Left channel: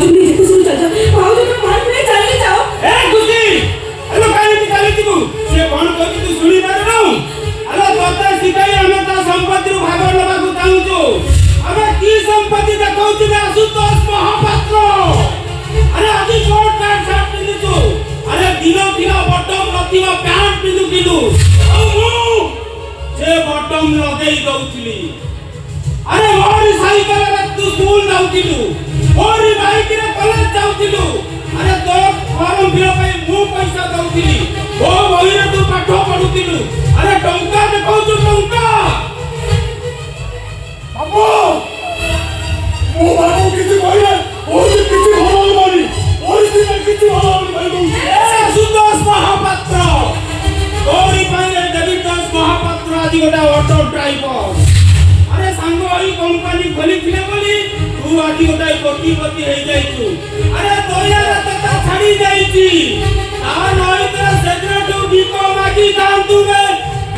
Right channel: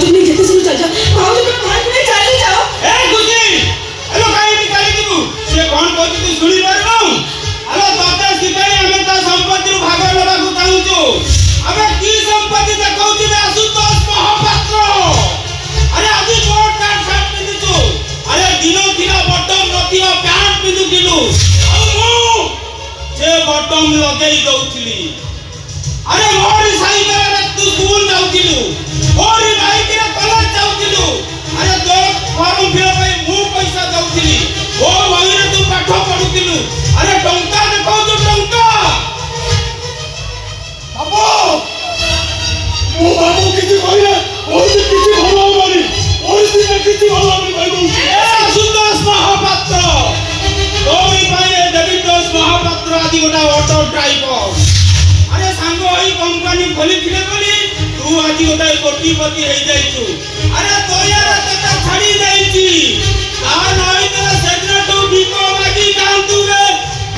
भाऊजी ने जेते सुन चल जाओ भाऊजी के पास में चले जाओ ए गुजी अरे काई की काई तू से कोन कहती तू सुनी पारनु अरे तोते सिपाही हमें तो संपत्ति भाग लेबा को चाहूछु हमें की संपत्ति देखौची बे आशुतोष महापात्र अरे आदि बोर्ड कार्ड शर्ट पिंदुछु अरे दिनो दिनो बटम प्रतिभा पैंट पिंदुथिलु आ मु से बटम लगेई दउथिली अरे मोरी साइकेल रे तू स्कूल जाउथिलु मोरी बाइक रे कॉलेज जाउथिलु अरे तो फॉर्म फिल पे मु पैसा दउथिली ओ वही रे तू पाठ पढुथिलु अरे टंका देखौ तू टंका बाबू मु बाबू किछि कहले ओइ किछि होबानी ओइ किछि होबानी भाई ए सुदोष महापात्र तोरी पाइले देविदास महापात्र आदि गोटा ऑटो ड्राइवर अरे सांगो आई कंपनी खोली थिले बोली तू आदि गोटा कोटीपति हे जाइछु अरे तोया तता छाडी जाइछि आ नई तो सेक्रेटरी तू बिको मागी कांतु रे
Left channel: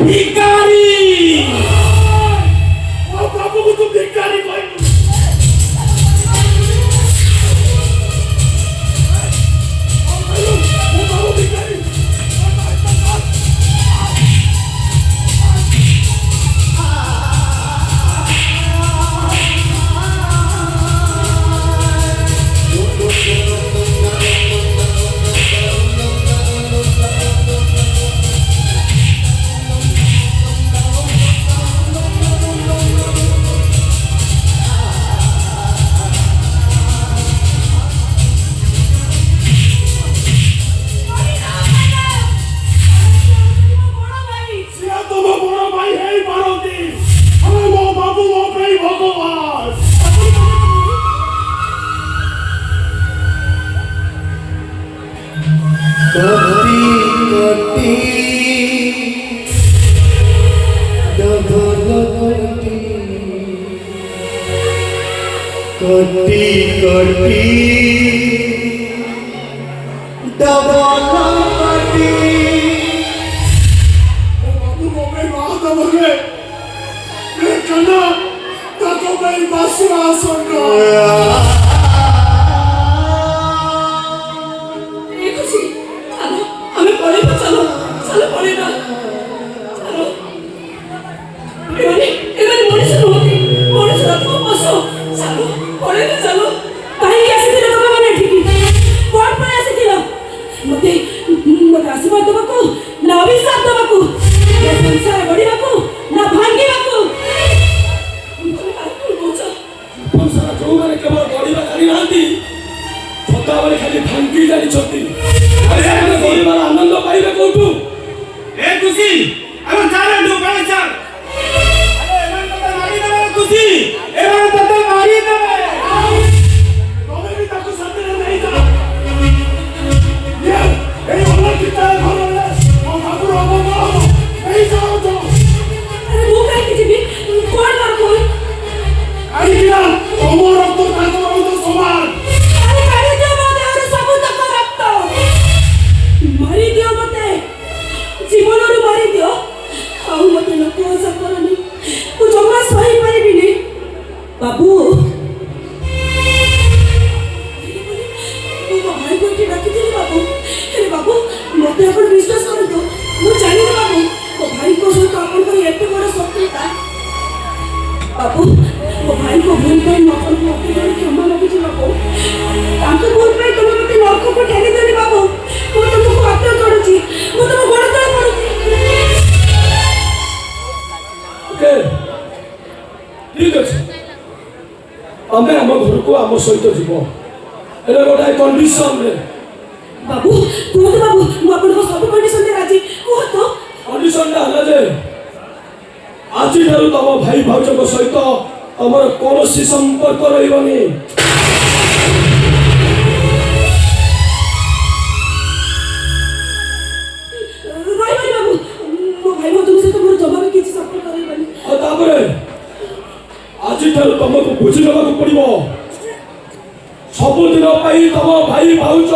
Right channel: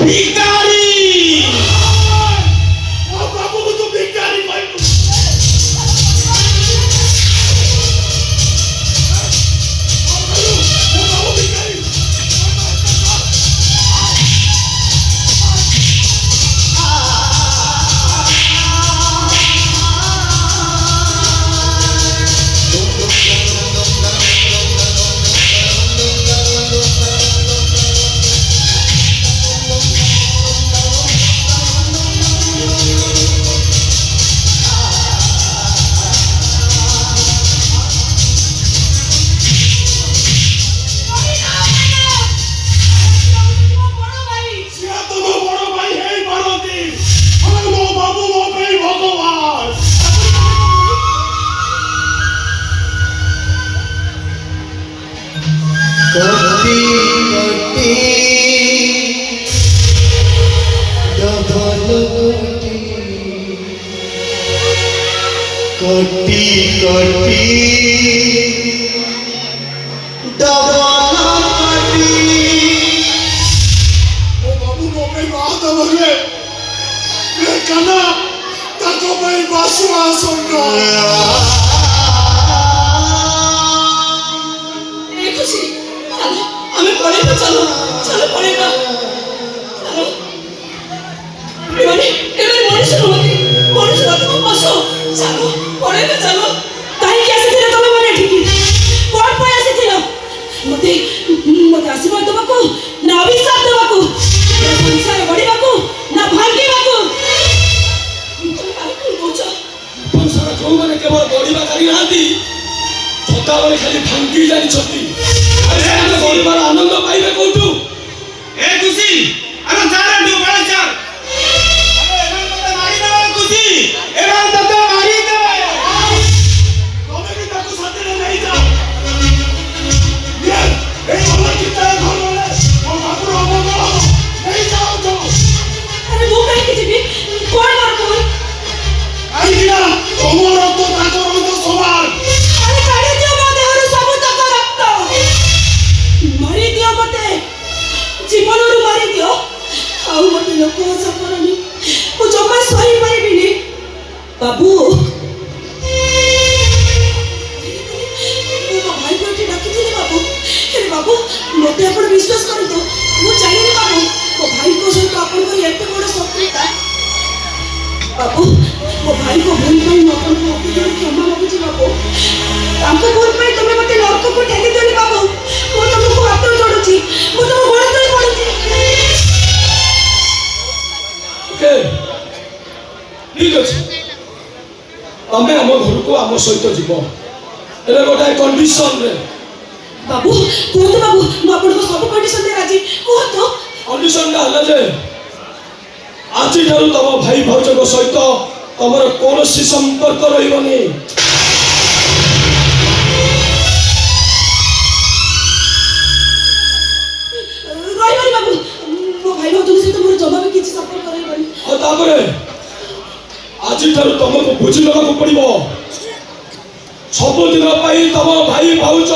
भिखारी ओ बाबू को तू भिखारी भाई कोटी कोटी डबल कोटी ओ बाबू को भाई बात बगे मैं कना ताको भाई बासुआ सुनना ए खुशी चलो हमें पड़ेगा चलो चलो पड़ेगा चलो एवं मनुष्य होती मनुष्य तो पशु चलो पड़ेगा चलो काहे कैसे थे तो मैंने ठीक कौन पर ऐसे थे मते मते आशीर्वाद दबा को ना अभिशाप दबा को ये संसार बढ़िया को ना भांगी बाको तुम काहे बोचो संसार जो माने केवल बढ़िबा जानि नांती छोटा बड़े खाली भांगी जानि छथि अरे हम परिवार आनंद पाइबे कोठू ए खुशी अरे चाले दो बड़े चाल अरे एमन तो मारी देबे खुशी एमन तो मारी देबे तोमे भी ताको साथे नहीं जा ये ए वाला कितना घर है ओ बाबू रो नहीं जाओ तो अरे वो काहे के जीवी कौन मार कौन आई किना तोमर तो ताको रो तो समान अरे काहे दे मते हर सब तक रक्त मारी दियो मते जीवन रो मारी दियो आउ मते लोक आशा करनी ओ जमा सही पारिबिनी बाबू ओ भाई को की डाकी थी बाबू अरे बाबू मते अपन विश्वास कर दो वो जानि बाबू ओ भाई को सहित अपन को एते बड़ सत्यता बाबू ओ भाई को भूल पाई मकन को क्षमा मांगु छी बाबू तांको भूल पाई तमे मते नरक को ठेली देनी बाबू मो तुमको हाथ जोड़ू छी मो तुम बड़ तळ पड़ू ओके ठीक अछि हमें हम घर को हम सहित जीवो एले गोटे कंडीशन रे बाबू कोन बाबू मो अपन को सब कंडीशन दे राजी को तो कंडीशन ला हला जे आज ठारू तम भाई भाउज को सहित तमर कोनोसी संपर्क रहिबनी राई बाबू मो भाई भाउज से तो मोर जमा में किछि संपर्क करैबनी आ तापरे आज ठारू तुमको बुझी लेबा को पड़िबो सब दिन तम भाई भाउज